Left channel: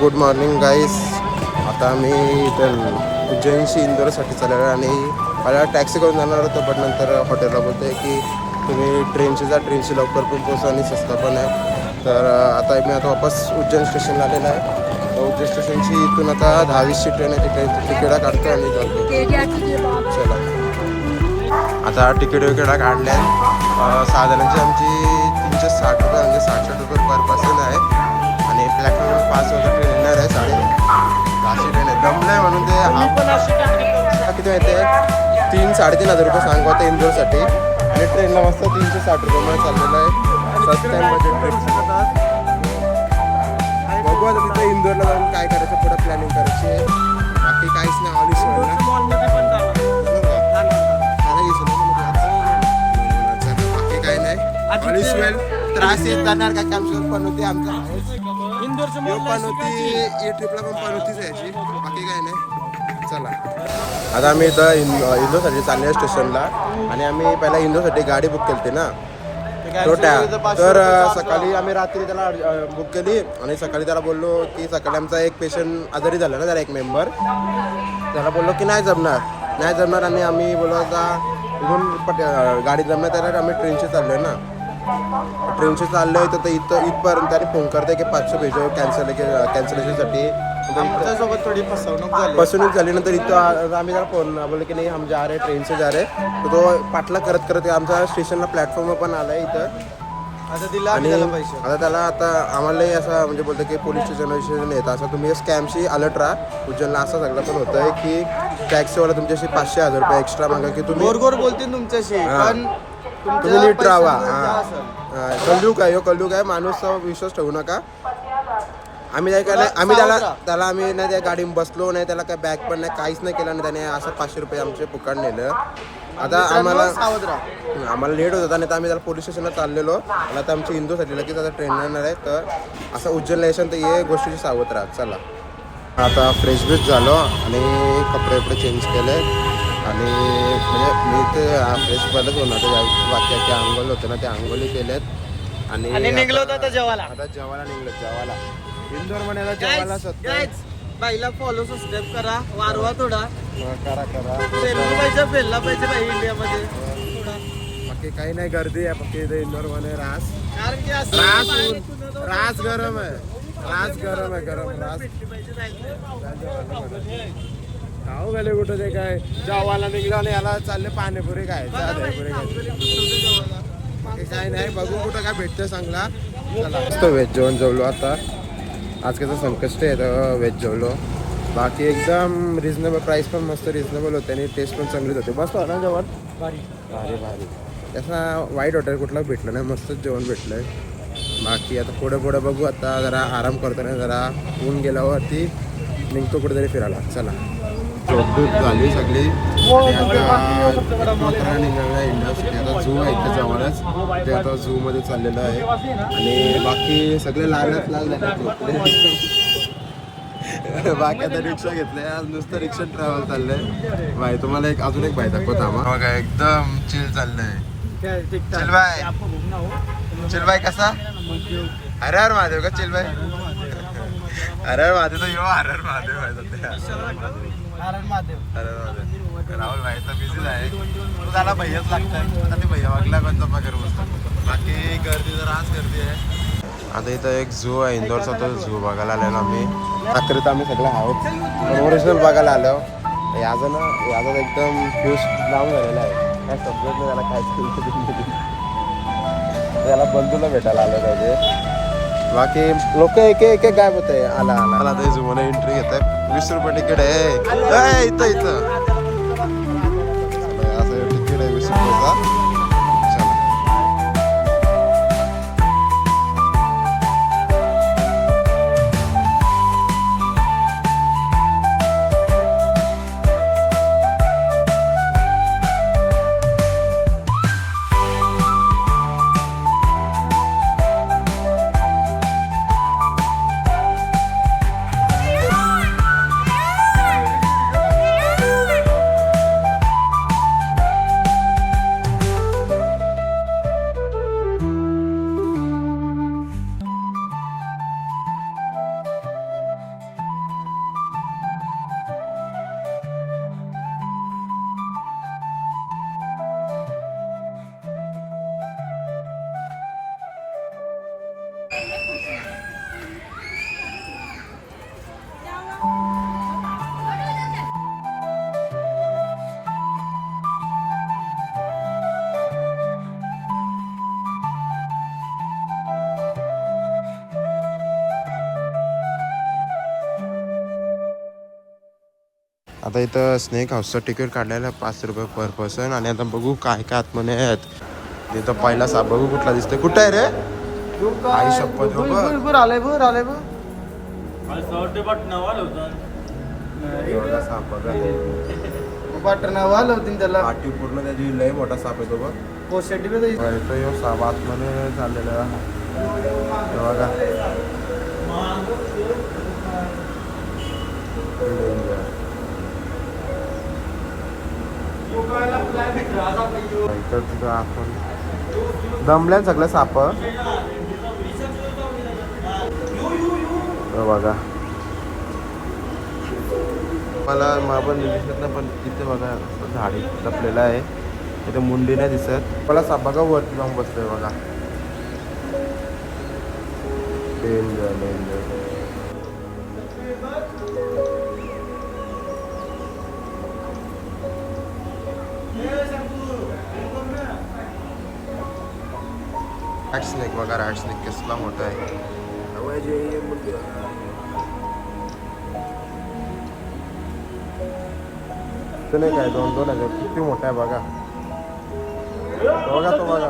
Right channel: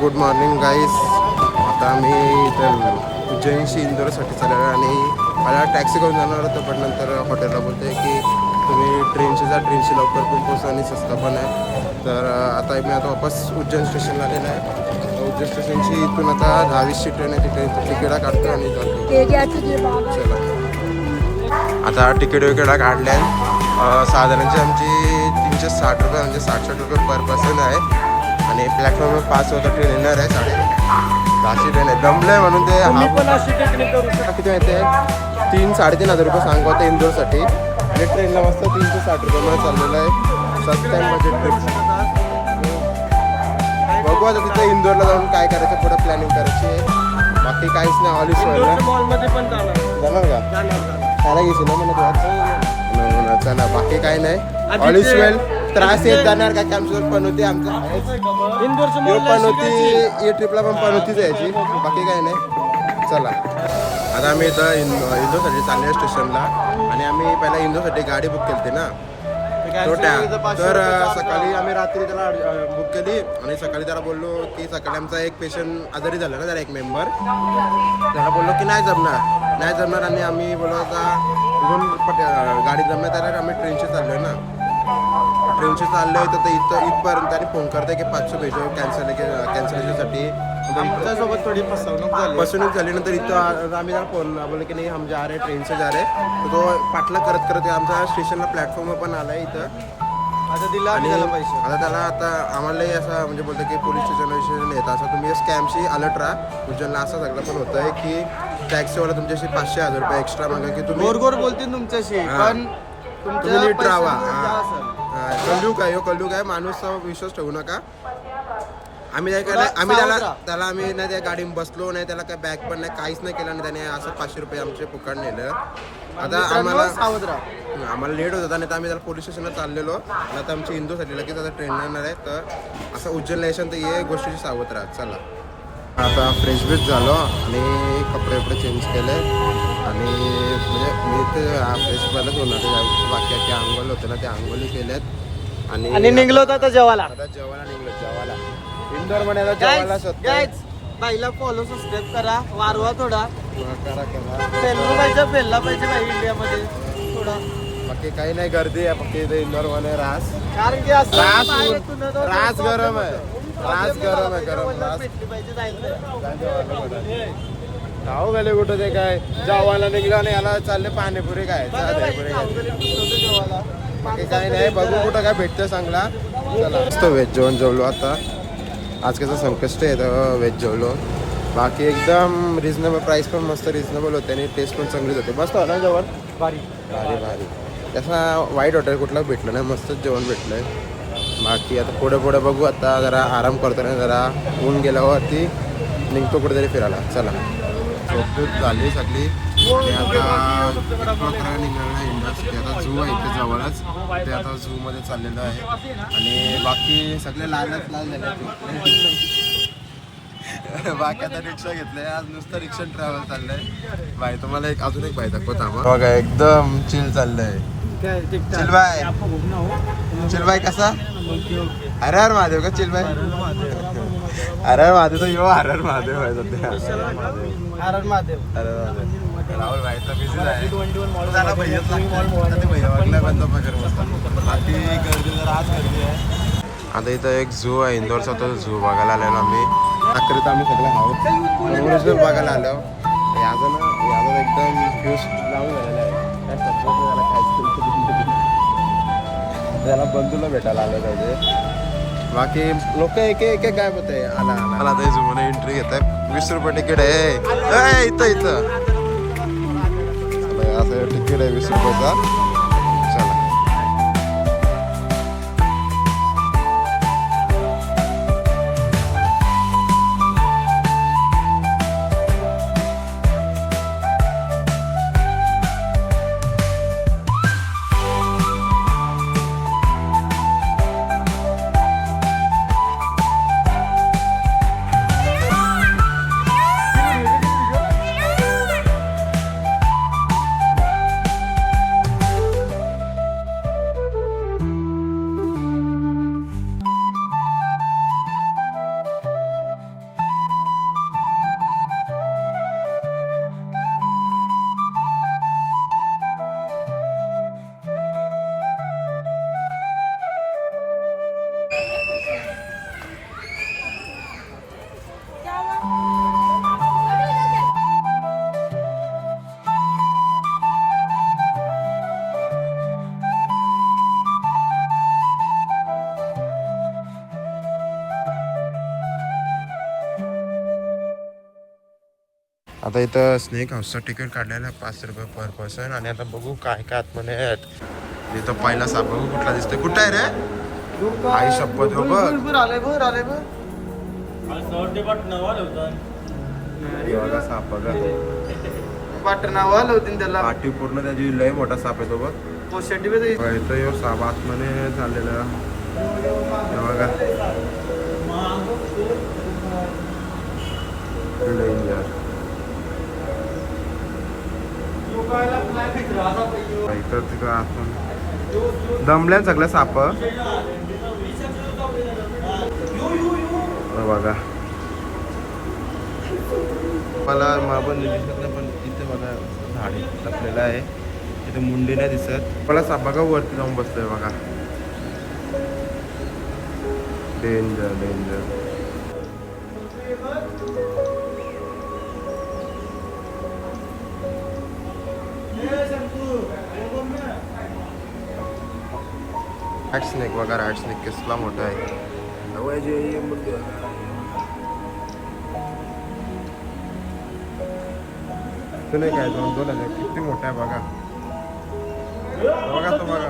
Good morning गाईस. आता आम्ही इथं उज्जैनशी इंदोरसाठी चाललो आहे आणि मला टॅक्सी करून जाणार होतो, पण नंतर हॉटेलला बोलतो आहे की तुम्ही ट्रेनशी जा, ट्रेनशी लवकर पण पोहोचा आणि स्वस्त पण आहे. तर आता मी आता वापस उज्जैन स्टेशनला आलेला आहे. उज्जैन स्टेशनची इथून आता 10-20ची ट्रेन आहे, तिथे तिकिटा काढतो आणि जातो. चला आता तिकीट वगैरे काढल्या. 6 जणांची आमची 360 रुपये म्हणजे 67 रुपये पर पर्सन आहे. आणि प्लॅटफॉर्मवर 5 वाजता ट्रेन येणार आहे. 10:30 ट्रेन आहे. दमलं आहे म्हणून ते किती माहिती आहे 3-3.5 हजार रुपये सांगू आता इंदोरसाठी. आणि ट्रेनला मस्त 360 रुपये चाललेलं आहे. First time budget train. बघू आता तिथे इंदोरला जाऊन काय करायचं, पुढे प्लॅनिंग करायची आहे. बाकी काहीच नाही. ऑल इज वेल. मॉलमध्ये पण जाणार का घेशील ना म्हणत ना. बाकी काही नाही. ऑल इज वेल. त्रास येत जाणार काय की आमच्यावर पण होती आमचा पण होती. ही ट्रिपला पण होतीच यायची. बाकी काही नाही. चला आता आम्ही इथं इंदोरसाठी चालले स्टेशनला. आणि आम्ही पहिला इंदोरसाठी गाडी बुक केली ना तर सकाळी आम्ही रात्री त्याला बुक केली आणि सकाळी त्याला बोललो की सकाळी आमचा एक पेशंट आजारी झाला ना, त्याला एक मेंबर. त्याला बोललो की नाही जमणार आणि आम्ही बोललो आता इथून गाडी जमणार त्याला आम्ही ट्रेनशी चाललोय ना. ट्रेनशी चाललोय तर इथं इथपर्यंत त्याने फोन करते की 500 भेजो कॅन्सलेशनसाठी. सोबत थोडी फसवणूक झाली. नंतर इथं आम्ही त्याला फोन बोललो की नाही हम जा रहे ट्रेन से जा रहे. तर तो पाठला करत आमच्या स्टेशनला प्लॅटफॉर्मवर पण आलाय इथं. आणि आता त्याला आम्हालाही असं म्हणजे बोलतं की पोलीस स्टेशन येतं असं तुम्ही स्कॅमशी अलर्ट राहा. उज्जैनला असं सगळं पण होतं आहे की टॅक्सीवाला तुमच्याशी 500-1000 रुपये एक्स्ट्रा मागा की तुम्ही गोर बोलतील तुमच्याशी, पण तुम्ही नीट राहा. कलयुग आहे. माणूस विश्वास ठेवू नका. आम्ही त्याला आम्ही नाही त्या गाडीत बसलो नाही, त्याला काय बॅग पण नाही, काहीच नाही केलं. आणि त्याने असं 500 रुपये आमचे फुकट नेलं. आता आम्हाला लेट होत होता नाही तर आम्ही त्याला पोलीस स्टेशनला चाललेलो. आणि आता आमची इंदोरसाठी लगेच आता ट्रेन येणार आहे. तर असं उज्जैनला येशन तर ये गोष्टीची सावध राहा. चला आता फ्रेश बीच झालो आणि कपडे चेंज केले. आणि म्हणजे मी ते फ्रेश पहिलंच होणार बाकी आंघोळ होते ना, ते आंघोळी केल्यात. आणि निघलो होता जेवायला जेवायला इंदोर मध्ये आता जेवायला सत्तर. बाईला फॉलो सबस्क्राईब करा, वारवा थोडा करा फेलला पाहिजे बाई इंडियामध्ये थोडा. बाकी काही नाही, गर्दी आहे फक्त इथे इंदोर मध्ये. रास गरम आहे. खाऊ गेले कुठं ते काय जेवायला निघलं आणि याला चालले पाणीपुरी काय दहीपुरी काय. बाकी काही नाही, बघू कुठं काय भेटतं चांगला. चला मस्त व्हेज जेवण जेवलो. आता आज कसं संकष्ट आहे तर व्हेज जेवलो. बाकी एकदम रिजनेबल प्राईस पण मस्त रिजनेबल होते आणि टेस्ट पण चांगलीच होते. मस्त होतं जेवण. भारी तसा वाईट हॉटेल कुठला भेटलं नाही, मस्तच जेवण भेटलंय. बाकी आता पुढे बघू. आता जरा आराम करतो ना, जरा ऊन गेल्यावरती निघतो कुठेतरी फिरायला. चला झोपदूत झाली सगळी आणि आता 1 निघाला इंडस्ट्री. आता झू आहे इथे जवळच, ते आता झू मध्ये चाललेलं आहे. आणि बाकी सगळे लाल झाले झोपले. बाकी आता रिक्षा घेतलंय, आज नुसतं रिक्षा ट्रॅव्हल चाललंय. बाय तुम्हाला अजून एक बाय दाखवता बघा, एकदम चिल चाललंय. चिलबाई कसा हर महादेव का चिलबाई? हर महादेव तो यो हर महादेव आहे सध्या. राहुल भाई तर बिझीच आहे. त्याला भैयाच लागतं ते भैया वागला कोणता पगार बसतात. बाकी गर्दी जरा आज गर्दी आहे. आता इथं एक झू आहे इंदोरचा, तो झू बघायला आलेलो आम्ही. अखेरीत आम्ही सगळे आहोत पण ओरिजिनल बघायला आलो. याचं एकदम फ्यूज लावून झालेला आहे. काय समजत नाही त्याला काय त्याला बंधूला भेटायला आलं पाहिजे. बाकी लोक एक गायब होत आहे. आला ते झू मध्ये एंट्री घेत आहे. 20 रुपये तिकीट आहे इथं. चला असं तिकीट आहे 20 रुपयाचा. आता इथं स्नेक हाऊसचं तिकीट काढायला 5 रुपये पर पर्सन. आणि आता बघू काय काय आतमध्ये आहेत. इथं पहिला साप बघू कुठला दिसतोय. कुठं आहे रे? आई शपथ हो बघ. बघा साप बघा. त्याला पाठी पूर्ण त्याची लय मोठा साप आहे तो बघ. इथं यो साप आतमध्ये चाललेला बघा. इथं तिथं आपण दमल्या सगळं साप बघा. मला पण दिसत नाही पण तिथे बघा झाड लपलेलं आहे. तिथे मुंडी नाही दिसत. मला साप बघा वरती जाऊन बसलोय बघा. Danger danger. रॅट स्नेक बघा. रॅट स्नेक कसला मोठा आहे. नाही काय 2-2 आहे. किती मोठा आहे बघा. बघा तो बघा.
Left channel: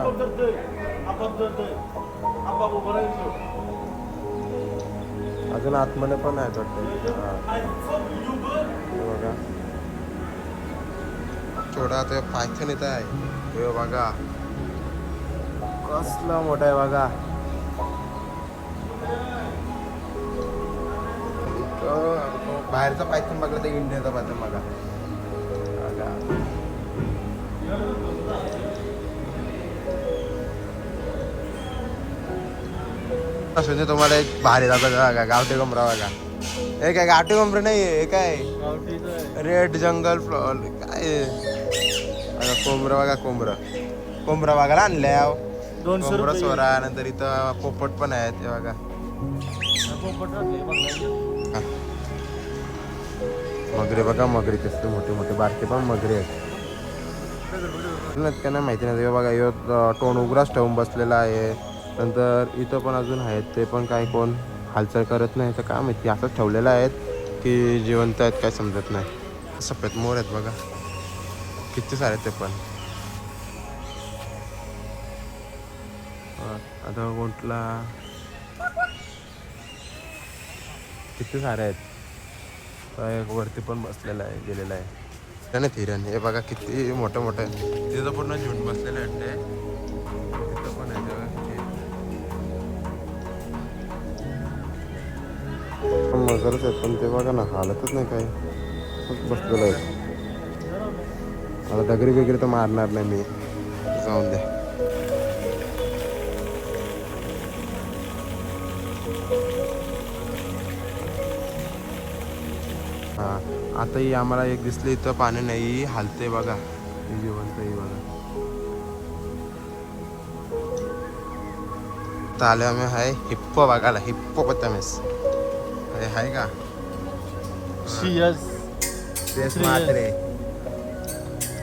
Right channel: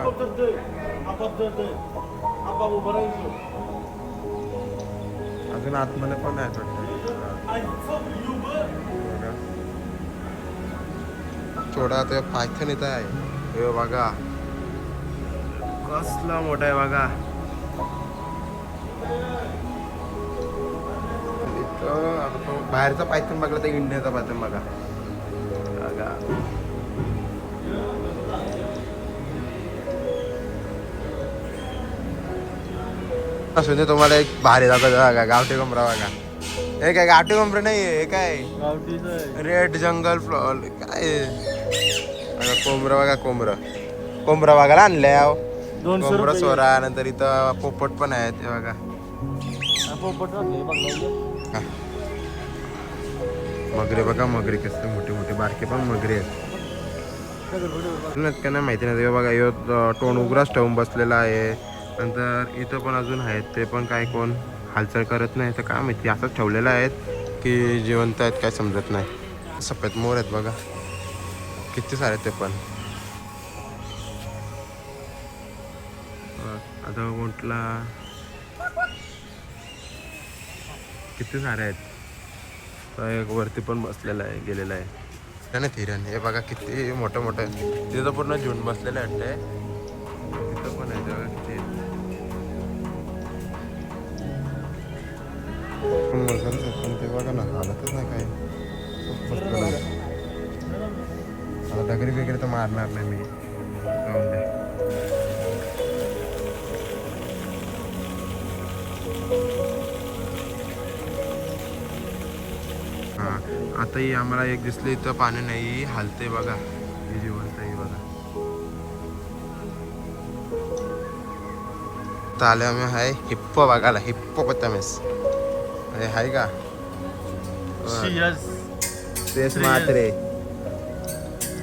अजून आतमध्ये पण आहे बघा. थोडा तो पायथन इथं आहे. हे बघा कसला मोठा आहे बघा. आता तो बाहेरचा पायथन बघला तर इंडियाचा पायथन बघा. असं तुम्हाला एक भारी दाखवतो बघा. गावठी कोंबडा बघा. हे काय गावठी कोंबडा नाही हे काय रेड जंगल फ्लॉवर काय बघा. कोंबडा बघा. कोंबडा बघायला आणल्या. कोंबडा सोरा. नंतर इथं पोपट पण आहेत हे बघा. मगरी बघा. मगरी कसले मोठे मोठे बारके पण मगरी आहेत. का नाही माहिती नाही बघा. यो टोन उघडाच ठेवून बसलेला आहे. नंतर इथं पण अजून आहेत. ते पण काय कोण हालचाल करत नाही तर काय माहिती असंच ठेवलेलं आहेत की जिवंत आहेत काय समजत नाही. सफेद मोर आहेत बघा. किती सारे ते पण. आता कुठला किती सारे आहेत. वरती पण बसलेला आहे गेलेला आहे. हिरण हे बघा किती मोठं मोठं. तिथं पूर्ण झुंड बसलेलं आहे. तिथं पण आहे बघा किती. मगरच आहेत पण ते बघा ना हालतच नाही काही. बसलेलं आहे. आता डगरी वगैरे तर मारणार नाही मी. जाऊन दे. हा आता ही आम्हाला एक दिसली इथं पाणी नाही हालते बघा. ही जिवंत आहे बघा. आले आम्ही आहे हिप्पो बघायला. हिप्पोपोटामस आहे का. श्रेयस म्हात्रे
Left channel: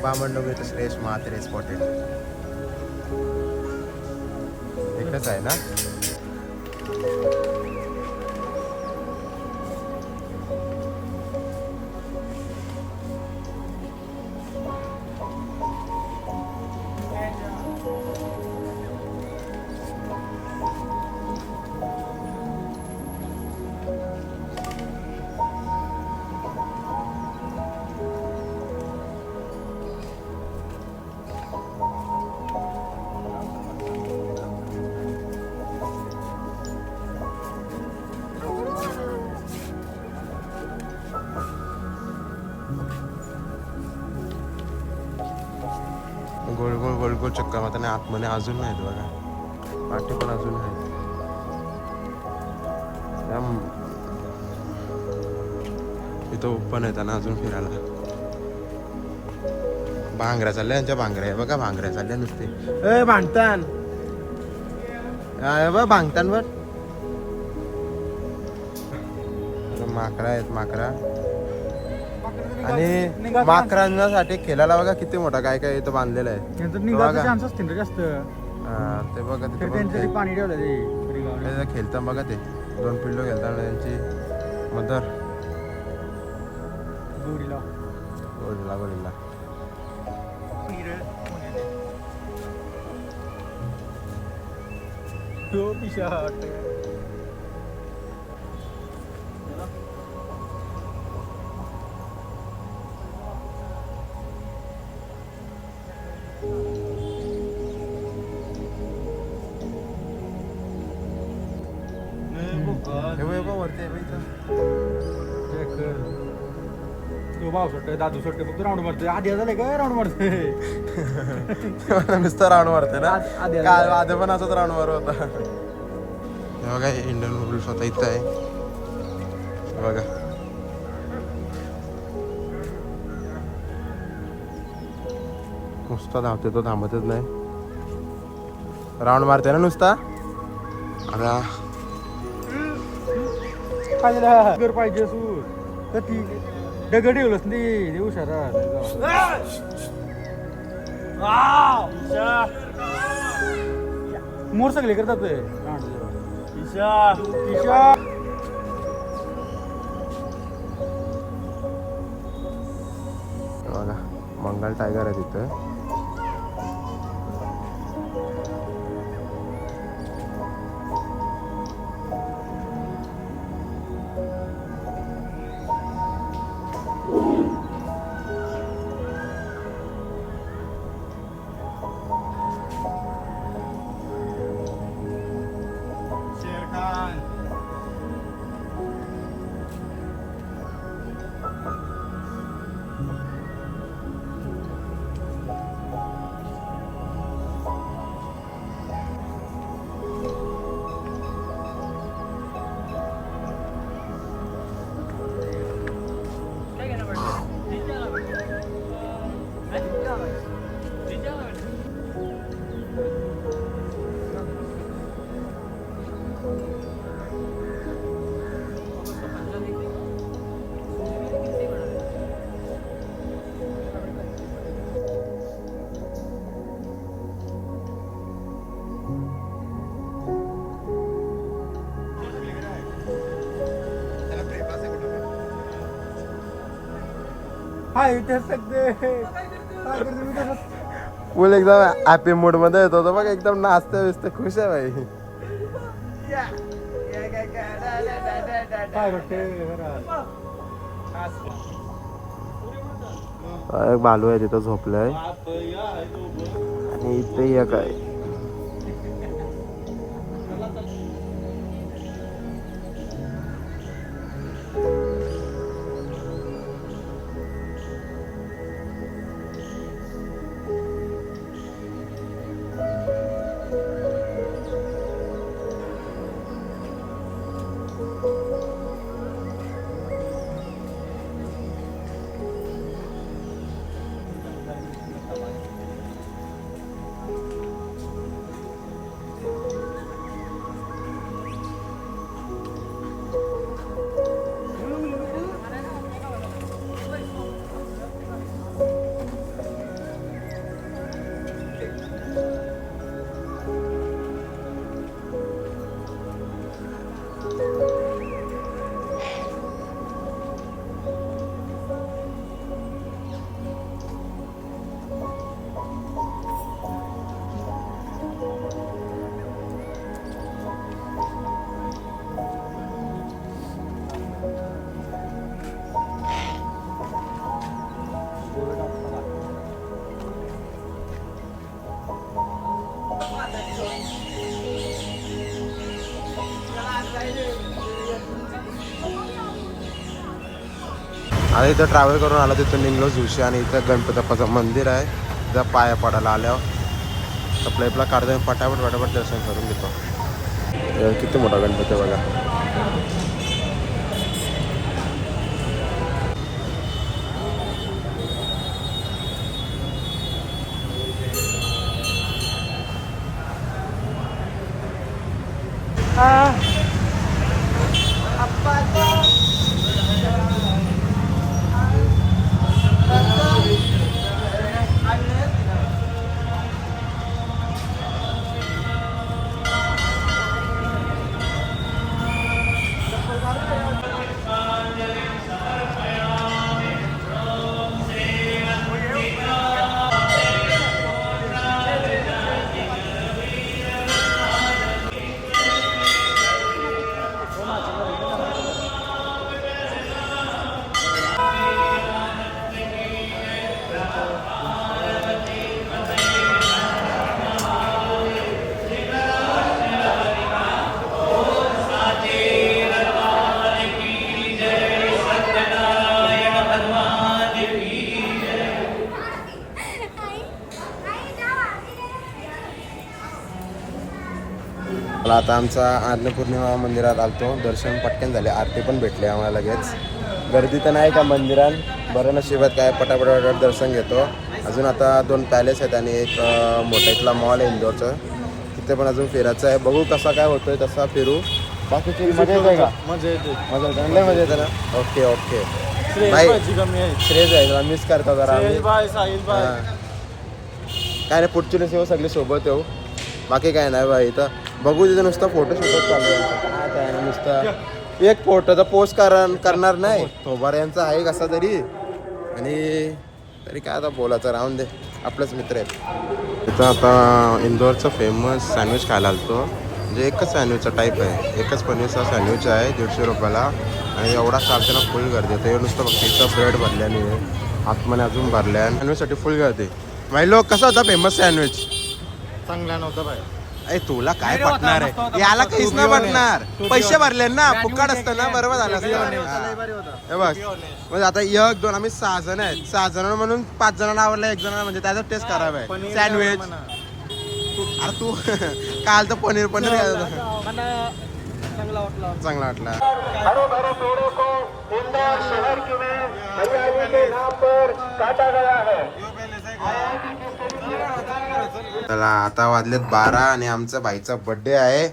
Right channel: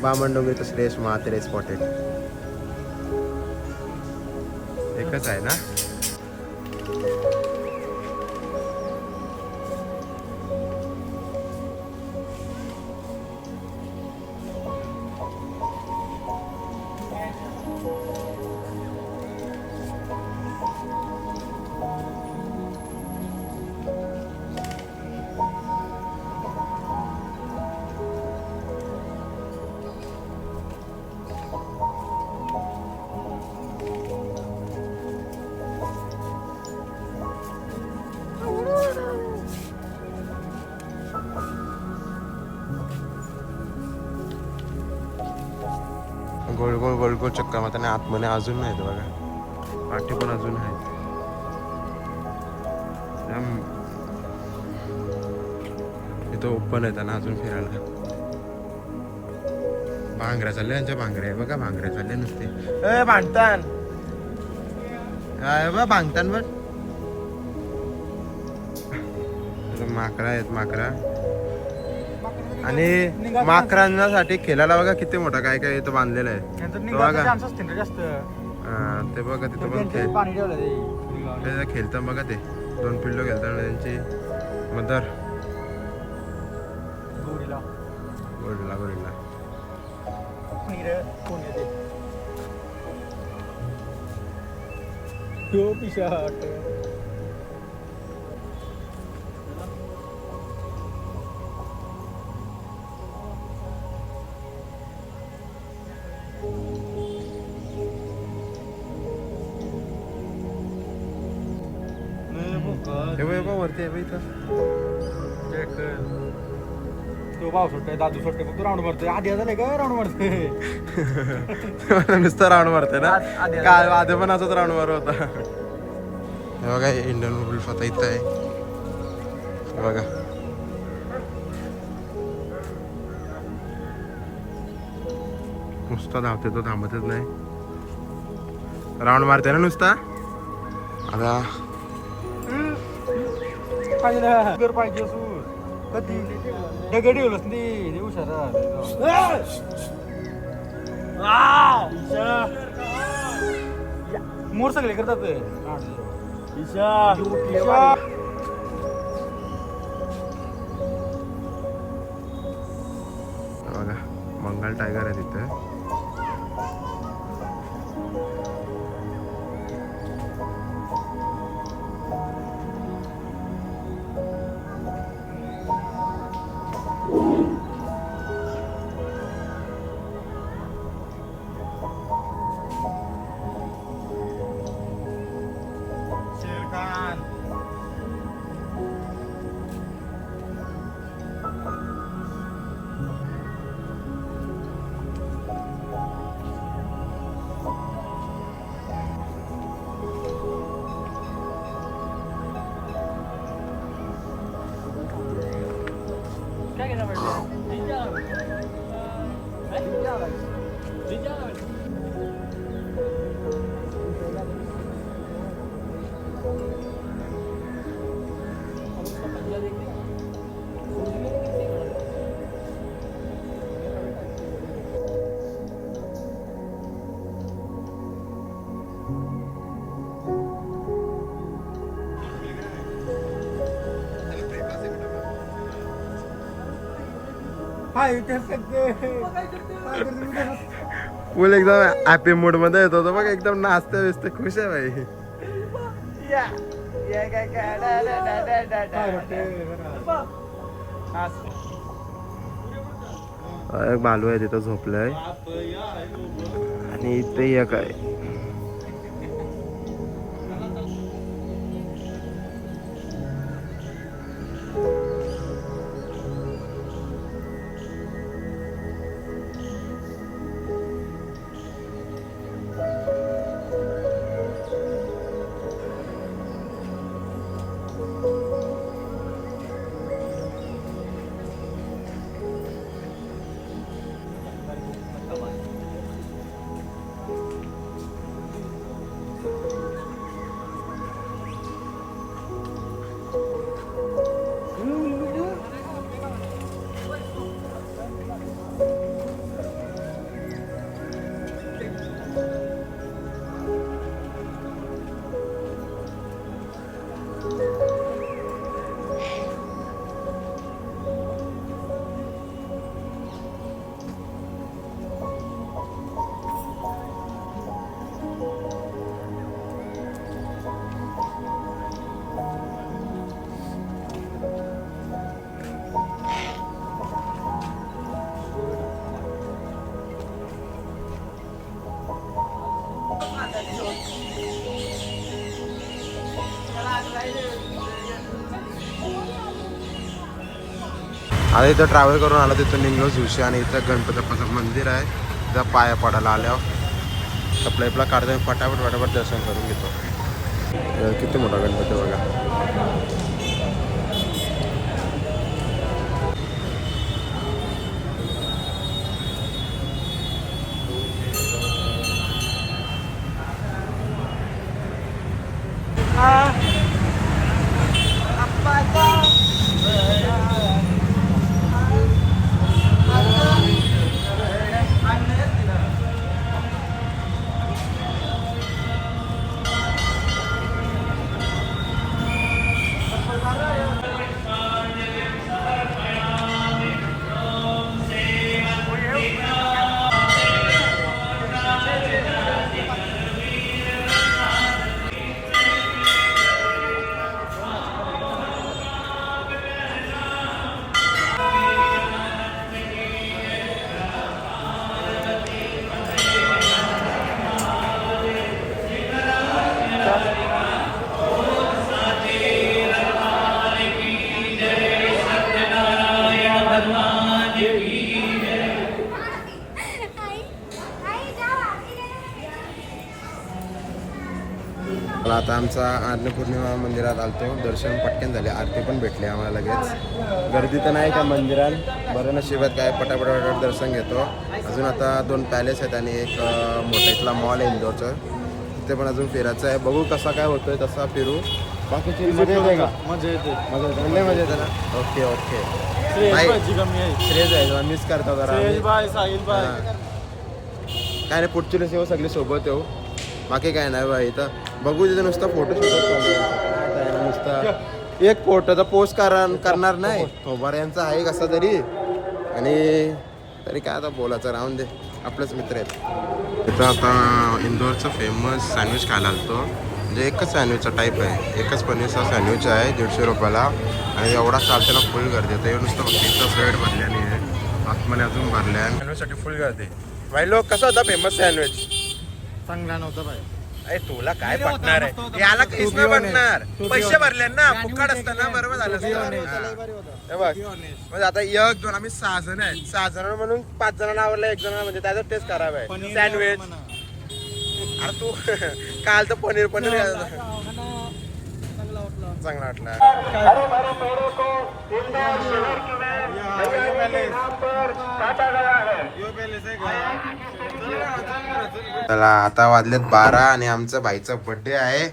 बामणडोंगरी तर श्रेयस म्हात्रे स्पॉटेड एकच आहे ना. गोल गोल गोल गोल चक्कर मारताना आतमध्ये अजून नाहीत बघा. पाठी पण अजून आहेत. इथं ओपन आहे त्यांना अजून फिरायला. भांगऱ्या चालल्या. त्या भांगऱ्या आहे बघा. भांगऱ्या चालल्या नुसते. भांगतान बघ. भांगतान बघ. माकडा आहेत. माकडा आणि माकडांसाठी खेळायला बघा किती मोठा काय काय इथं बांधलेलं आहे बघा. ते बघा तिथं पण खेळतात बघा. ते 2 पिल्लो खेळतात त्यांची मदर. Gorilla gorilla. हे बघ वरती आहे बघ इथं. तो भाव सुटतोय दादू सुटतोय फक्त राऊंड मारतोय आधी झाले का राऊंड मारतोय नुसतं राऊंड मारते ना. काय आधी पण असंच राऊंड मारत होता. हे बघा इंडियन बुल स्वतः इथं आहे. हे बघा नुसता धावते तो, थांबतच नाही. राऊंड मारते ना नुसता. आता पाहिजे कधी दगड ठेवलंच नाही मोर सगळे करतात ते. बघा बंगाल टायगर आहे तिथे. फुल एकदम हॅपी मूड मध्ये येतो तो बघ. एकदम नाचते बिचते खुश आहे भाई. एक बालू आहे तिथं झोपलाय आणि इथे एक आहे. आता इथं ट्रॅव्हल करून आला, तिथून निघलो झुशी आणि इथं गणपती बाप्पाचं मंदिर आहे. जर पाया पडायला आल्यावर आपल्या इथला काढतो, फटाफट दर्शन करून घेतो. किती मोठा गणपती बघा. चला आता आमचा अन्नपूर्णिमा मंदिरात आलतो, दर्शन पटकन झाले, आरती पण भेटली आम्हाला लगेच. गर्दी तर नाही का मंदिरात, बरं नशिबात काय पटापट दर्शन घेतो. अजून आता 2 पॅलेस आहेत आणि एक मोठा इथला मॉल आहे इंदोरचं, तिथे पण अजून फिरायचं आहे. बघू कसा काय होतोय तसा फिरू. बाकीची मजा येते का? मजा येते. मजा येते ना. ओके ओके भाई, श्रेयस आहे मिस करता जरा आम्ही. हा. काय नाही, पुढची दिवस येऊ सगळे सोबत येऊ, बाकी काय नाही भाई. तर बघू तिथे नुसतं फोटो शूटच चालू आहे. काय ना नुसतं एक फोटो तर पोस्ट करणार नाही. थोबार यांचा आहे कसा तरी, आणि तरी काय आता बोलायचं, राहून दे, आपलेच मित्र आहेत. इथं आता इंदोरचं फेमस सँडविच खायला आलतो. म्हणजे एकच सँडविचचा टाईप आहे, एकच पनीरचा सँडविच आहे 150 रुपयाला. आणि एवढा चालताना फुल गर्दी होतं. हे नुसतं फक्त इथं ब्रेड भरल्याने आतमध्ये अजून भरल्या, सँडविचसाठी फुल गर्दी. माहिती लोक कसा होता फेमस सँडविच? चांगला नव्हता भाई. अरे तुला काय पटणार, याला काहीच नाही पटणार, पैसे भरले ना, फुकट असतं ना, बरोबर झालं असतं. बस म्हणजे आता 1 2 आम्ही 6 जण आहेत, 6 जण म्हणून 5 जणांना आवडलं, 1 जणांना म्हणजे त्याचा टेस्ट खराब आहे सँडविच. अरे तू काल तर पनीर चांगला वाटला. चांगला वाटला. चला आता वाजलेत 12 आणि आमचा भाईचा बर्थडे आहे.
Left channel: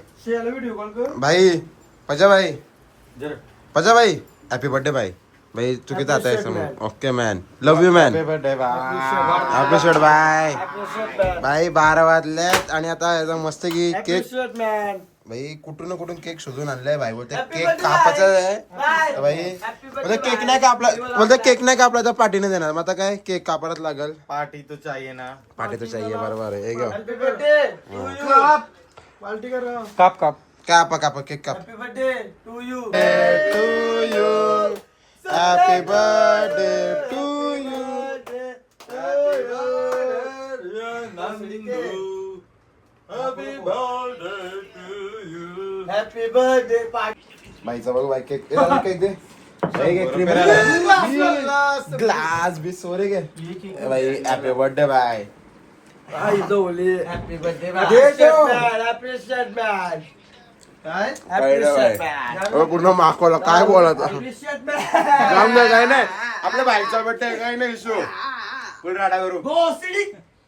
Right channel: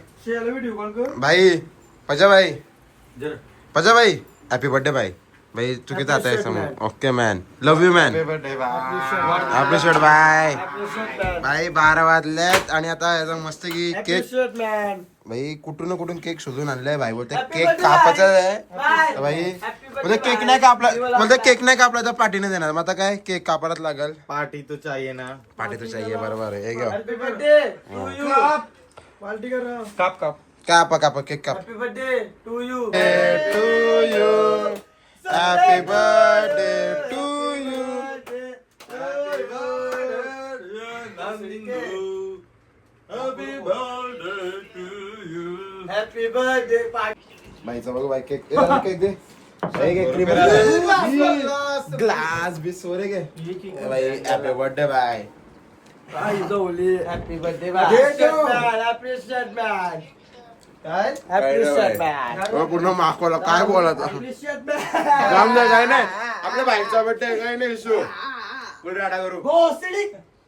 भाई पजा भाई, पजा भाई, हॅपी बर्थडे भाई. भाई तू किती आता आहे समोर. Okay man, love you man, appreciate bye. भाई 12 वाजल्यात आणि आता याचा मस्त की केक, भाई कुठून कुठून केक शोधून आणलाय भाई. बोलते केक कापायचा आहे भाई, म्हणजे केक नाही कापला, बोलते केक नाही कापला तर पार्टी नाही देणार. मग आता काय केक कापायलाच लागल. पार्टी तो चाहिए ना. पार्टी तर चाहिए, बरोबर आहे. हे घेऊ काप काप कापा कापा केक काप. Happy birthday to you. To you, happy birthday to you. Happy birthday. भाईचा बघ भाई केक, केक दे क्रीम ग्लास बी सोरे घे भाई. हॅपी बर्थडे बाय. Happy birthday. पूर्ण माखवला काय बोलायचं, काम नाही काय नाही. आपल्या भाईचा बर्थडे काय नाही इशू, फुल राडा करू.